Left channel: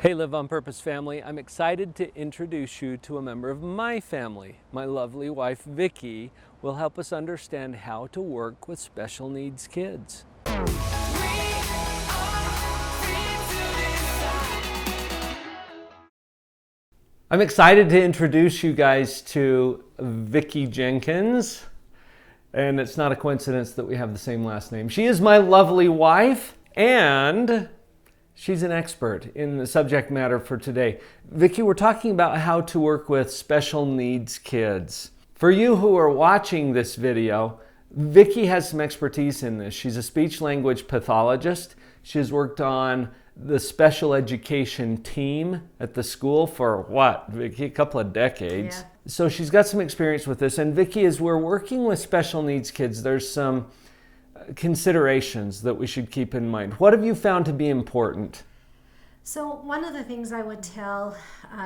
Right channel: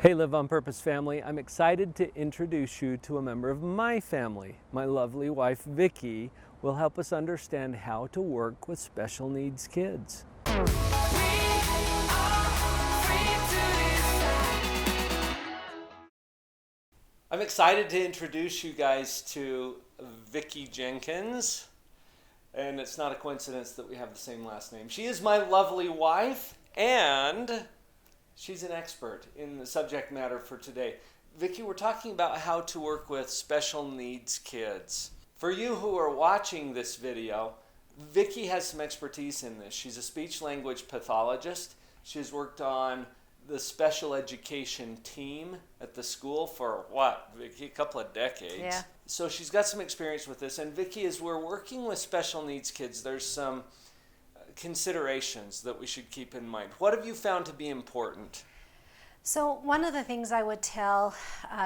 Hey Live on Purpose family, I'm excited to introduce you to a member of my family. My lovely wife Vicki will help us understand how to work with special needs kids. I'm excited to introduce you guys to Vicki Jenkins, and it's not a coincidence that we have the same last name. She is my lovely wife, and she's an expert in the subject matter for today. Vicki, we're talking about how to work with special needs kids. For you who are watching this video, Vicki has some expertise in this. She's a speech language pathologist. She has worked on the special education team at the school for what, Vicki? A couple of decades. Yeah. So she's got some experience with this. And Vicki, as we're working with special needs kids, there's some considerations that we should keep in mind. What have you found to be important? So one of the things I would tell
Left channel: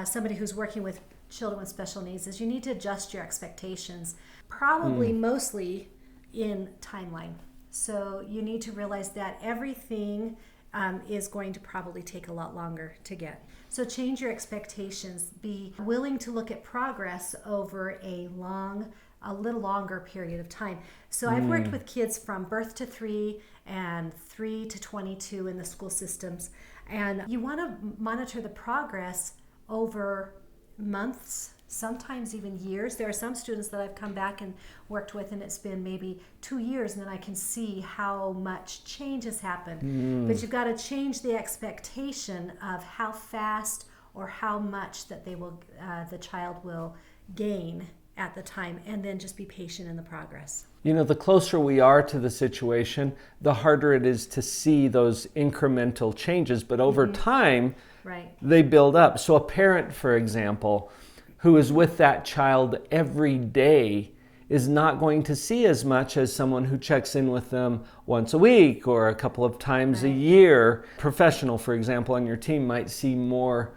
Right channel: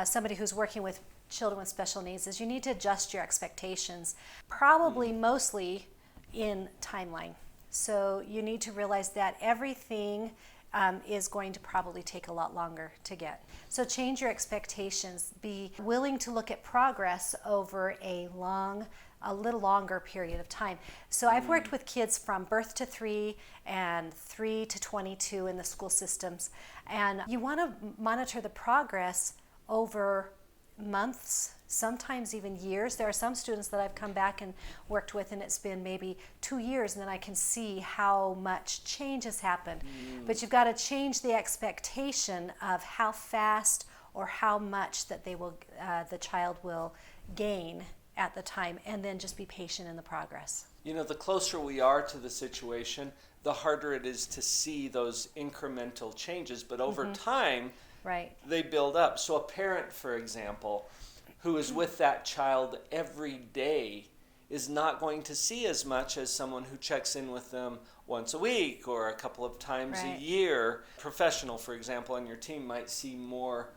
somebody who's working with children with special needs is you need to adjust your expectations, probably mostly in timeline. So you need to realize that everything is going to probably take a lot longer to get. So change your expectations. Be willing to look at progress over a little longer period of time. So I've worked with kids from birth to 3 and 3 to 22 in the school systems. And you want to monitor the progress over months, sometimes even years. There are some students that I've come back and worked with and it's been maybe 2 years and then I can see how much change has happened. But you've got to change the expectation of how fast or how much that the child will gain at the time, and then just be patient in the progress. You know, the closer we are to the situation, the harder it is to see those incremental changes, but over time, Right. they build up. So a parent, for example, who is with that child every day is not going to see as much as someone who checks in with them once a week or a couple of times a Right. year. Professional, for example, on your team might see more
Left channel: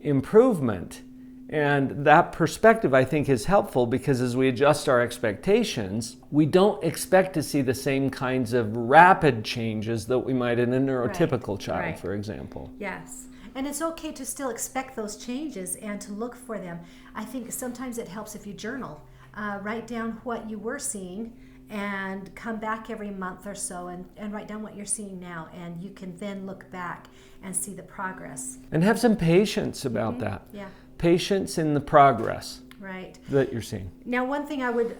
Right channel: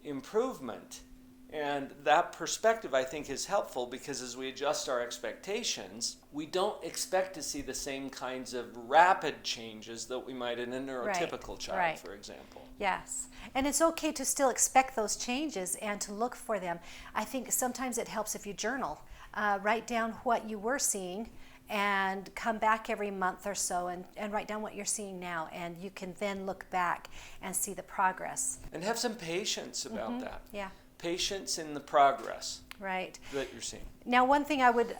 improvement. And that perspective, I think, is helpful because as we adjust our expectations, we don't expect to see the same kinds of rapid changes that we might in a neurotypical child, Right. for example. Yes. And it's okay to still expect those changes and to look for them. I think sometimes it helps if you journal. Write down what you were seeing and come back every month or so and write down what you're seeing now. And you can then look back and see the progress. And have some patience about that. Yeah. Patience in the progress Right. that you're seeing. Now, one thing I would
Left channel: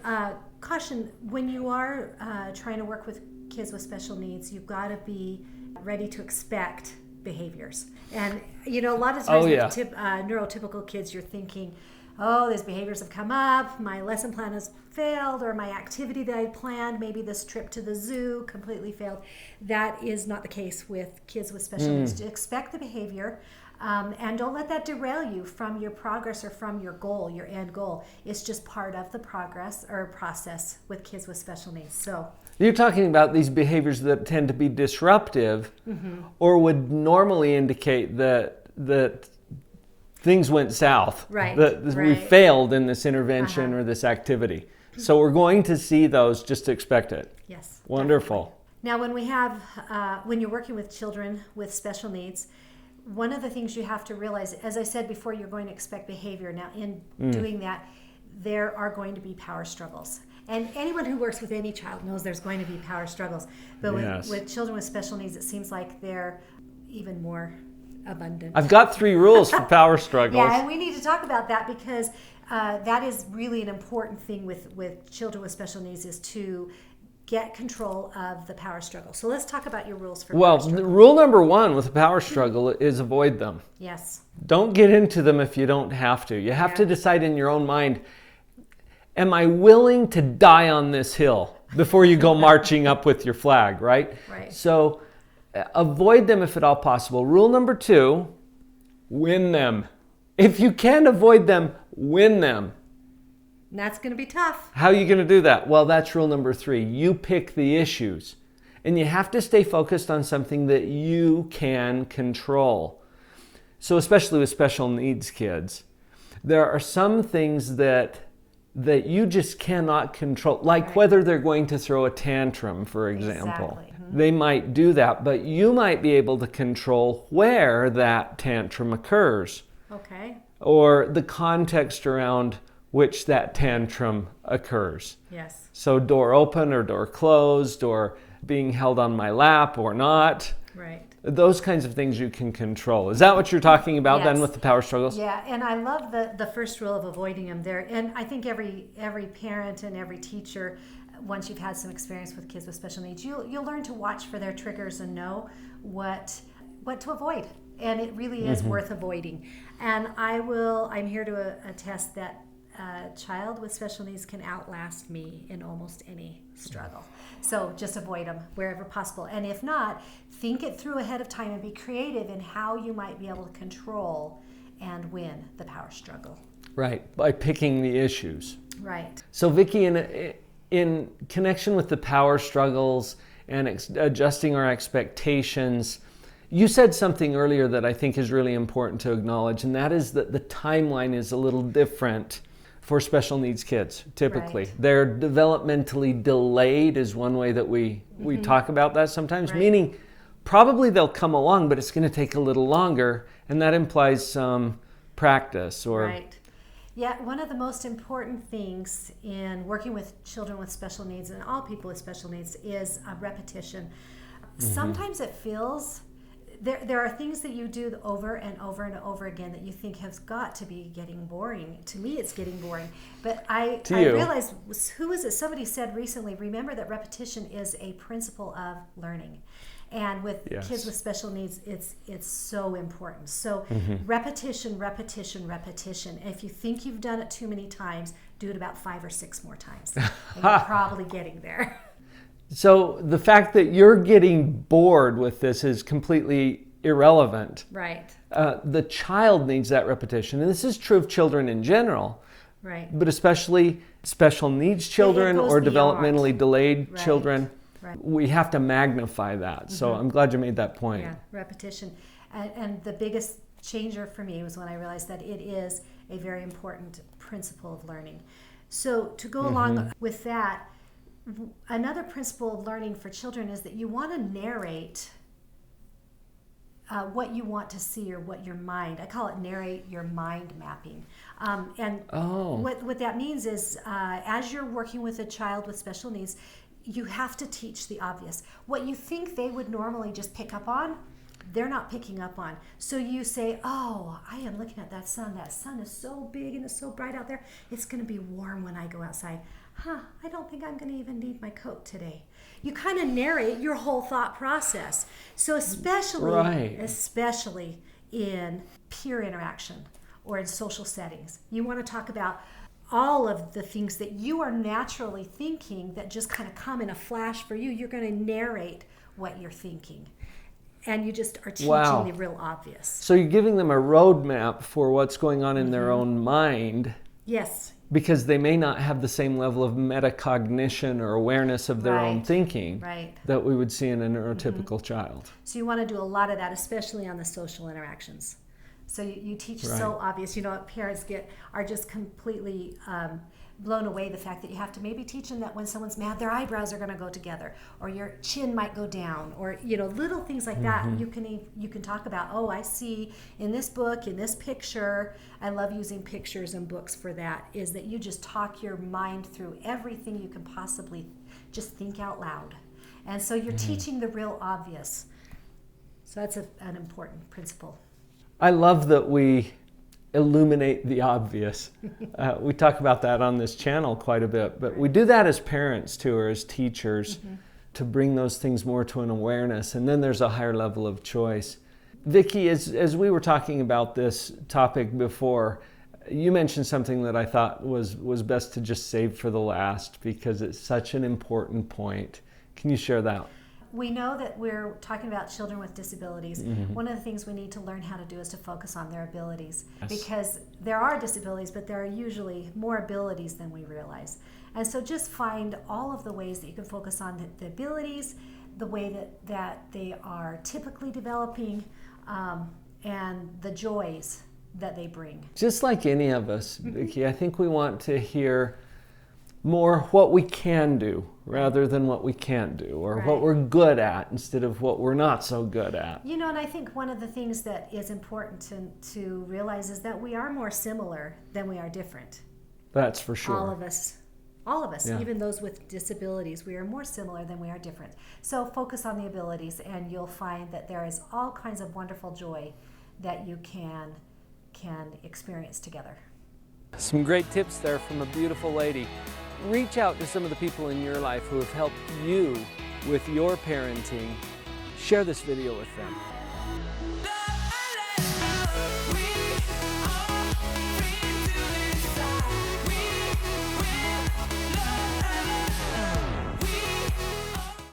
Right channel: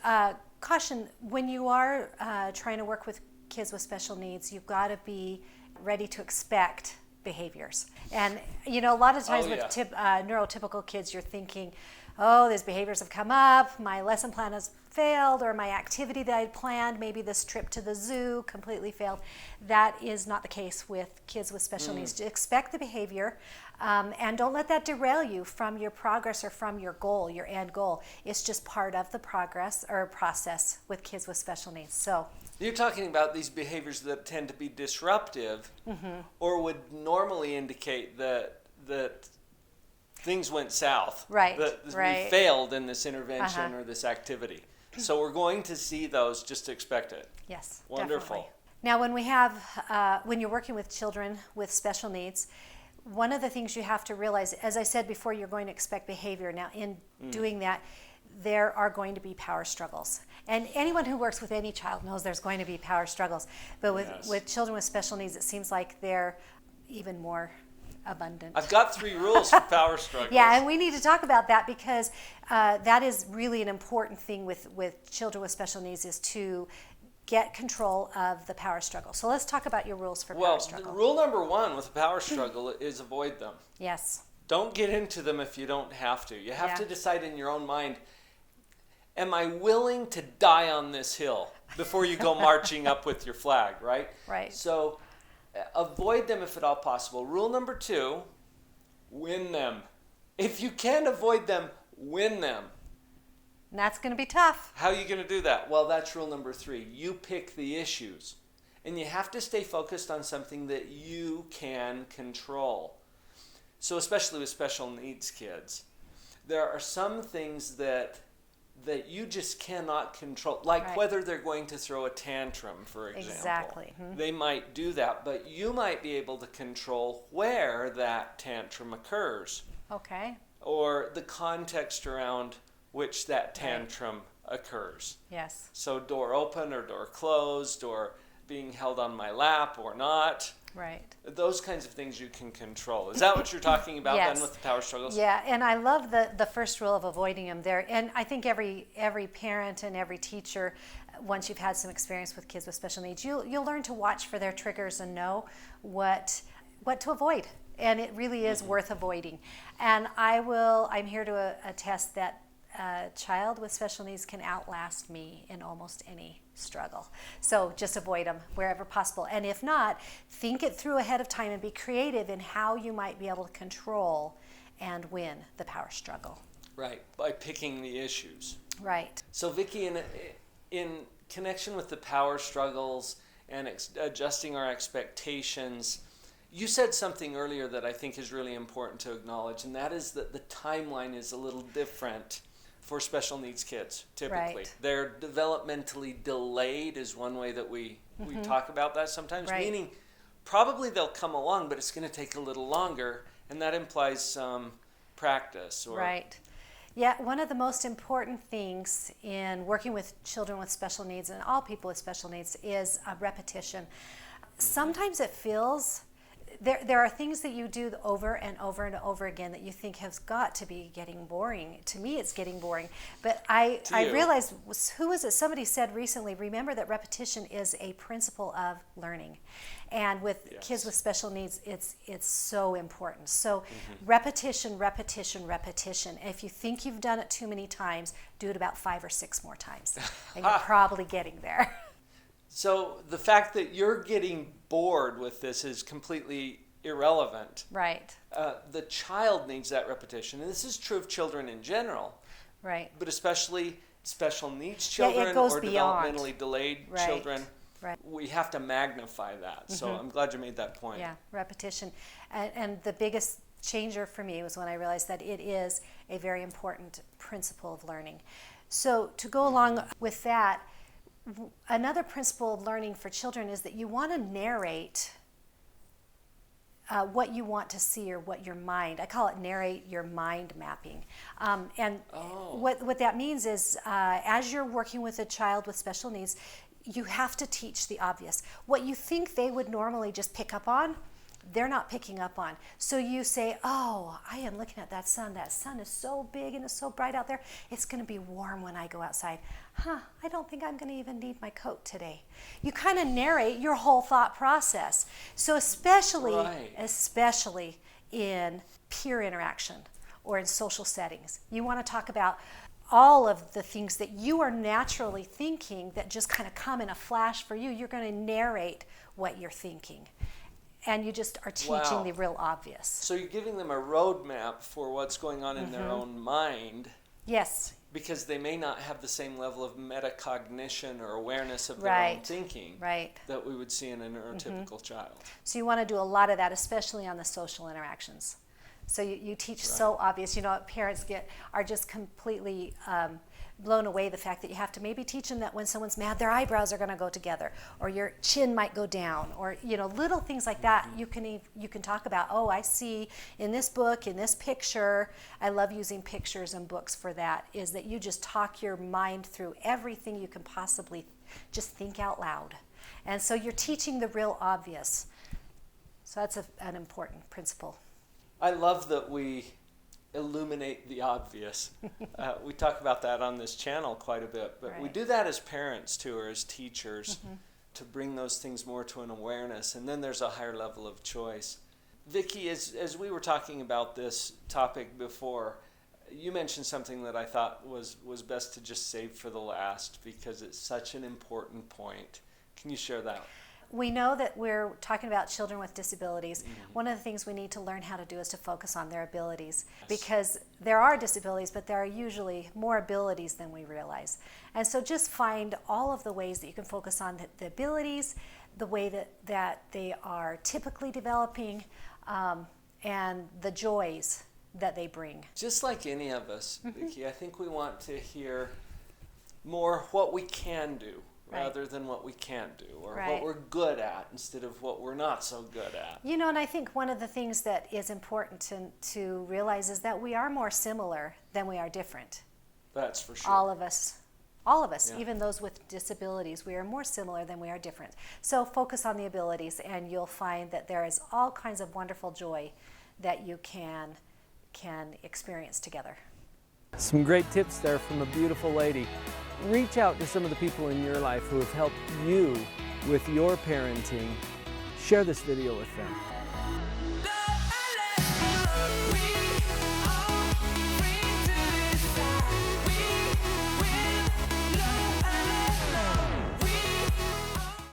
caution, when you are trying to work with kids with special needs, you've got to be ready to expect behaviors. And, you know, a lot of times with neurotypical kids, you're thinking, oh, these behaviors have come up, my lesson plan has failed, or my activity that I had planned, maybe this trip to the zoo completely failed. That is not the case with kids with special needs. To expect the behavior, and don't let that derail you from your progress or from your goal, your end goal. It's just part of the progress or process with kids with special needs. So You're talking about these behaviors that tend to be disruptive or would normally indicate that things went south, Right, that we right. failed in this intervention or this activity. So we're going to see those, just expect it. yes, Wonderful. definitely. Now, when we have, when you're working with children with special needs, one of the things you have to realize, as I said before, you're going to expect behavior. Now, in doing that, there are going to be power struggles. And anyone who works with any child knows there's going to be power struggles. But with children with special needs, it seems like they're even more abundant. I've got 3 rules for power struggles. Yeah, and we need to talk about that because that is really an important thing with children with special needs, is to get control of the power struggle. So let's talk about your rules for power struggle. Rule number 1 with a power struggle is avoid them. Yes. Don't get into them if you don't have to. You have to decide in your own mind, am I willing to die on this hill before you go marching up with your flag, right? Right. So avoid them if at all possible. Rule number 2, win them. If you can avoid them, win them. And that's going to be tough. How are you going to do that? Well, that's rule number 3. You pick the issues. And you have to stay focused on something that you can control. So especially with special needs kids, there are some things that that you just cannot control, like whether they're going to throw a tantrum, for example. Exactly. They might do that, but you might be able to control where that tantrum occurs. Okay. Or the context around which that tantrum occurs. Yes. So door open or door closed, or being held on my lap or not. Right. Those kinds of things you can control. Is that what you're talking about then with the power struggles? Yeah, and I love the first rule of avoiding them there. And I think every parent and every teacher, once you've had some experience with kids with special needs, you'll learn to watch for their triggers and know what to avoid. And it really is worth avoiding. And I'm here to attest that a child with special needs can outlast me in almost any struggle. So just avoid them wherever possible. And if not, think it through ahead of time and be creative in how you might be able to control and win the power struggle. Right, by picking the issues. Right. So Vicki, in connection with the power struggles and adjusting our expectations, you said something earlier that I think is really important to acknowledge, and that is that the timeline is a little different for special needs kids, typically. Right. They're developmentally delayed is one way that we talk about that sometimes, meaning probably they'll come along, but it's going to take a little longer, and that implies some practice. Right. Yeah, one of the most important things in working with children with special needs and all people with special needs is repetition. Sometimes it feels there are things that you do over and over and over again that you think has got to be getting boring. To me, it's getting boring. But I realized, who was it? Somebody said recently, remember that repetition is a principle of learning. And with kids with special needs, it's so important. So repetition, repetition, repetition. If you think you've done it too many times, do it about 5 or 6 more times. And you're probably getting there. So the fact that you're getting bored with this is completely irrelevant. Right. The child needs that repetition. And this is true of children in general. Right. But especially special needs children or developmentally delayed children. Right. We have to magnify that. So I'm glad you made that point. Yeah, repetition. And the biggest changer for me was when I realized that it is a very important principle of learning. So to go along with that, another principle of learning for children is that you want to narrate what you want to see or what your mind, I call it narrate your mind mapping. What that means is as you're working with a child with special needs, you have to teach the obvious. What you think they would normally just pick up on, they're not picking up on. So you say, oh, I am looking at that sun. That sun is so big and it's so bright out there. It's going to be warm when I go outside. I don't think I'm going to even need my coat today. You kind of narrate your whole thought process. So especially in peer interaction or in social settings, you want to talk about all of the things that you are naturally thinking that just kind of come in a flash for you. You're going to narrate what you're thinking. And you just are teaching the real obvious. So you're giving them a roadmap for what's going on in their own mind. Yes. Because they may not have the same level of metacognition or awareness of their own thinking that we would see in a neurotypical child. So you want to do a lot of that, especially on the social interactions. So you teach so obvious. You know, parents are just completely blown away the fact that you have to maybe teach them that when someone's mad, their eyebrows are going to go together, or your chin might go down, or little things like that. You can talk about. Oh, I see in this book, in this picture. I love using pictures and books for that. Is that you just talk your mind through everything you can possibly just think out loud, and so you're teaching the real obvious. So that's an important principle. I love that we illuminate the obvious. We talk about that on this channel quite a bit, but we do that as parents too, or as teachers, to bring those things more to an awareness, and then there's a higher level of choice. Vicki, as we were talking about this topic before, you mentioned something that I thought was best to just save for the last, because it's such an important point. Can you share that? We know that we're talking about children with disabilities. One of the things we need to learn how to do is to focus on their abilities, because there are disabilities, but there are usually more abilities than we realize. And so just find all of the ways that you can focus on the abilities, the way that they are typically developing, and the joys that they bring. Just like any of us, Vicki, I think we want to hear more what we can do rather than what we can't do, or what we're good at instead of what we're not so good at. You know, and I think one of the things that is important to realize is that we are more similar than we are different. That's for sure. All of us, yeah. Even those with disabilities, we are more similar than we are different. So focus on the abilities, and you'll find that there is all kinds of wonderful joy that you can experience together. Some great tips there from a beautiful lady. Reach out to some of the people in your life who have helped you with your parenting. Share this video with them.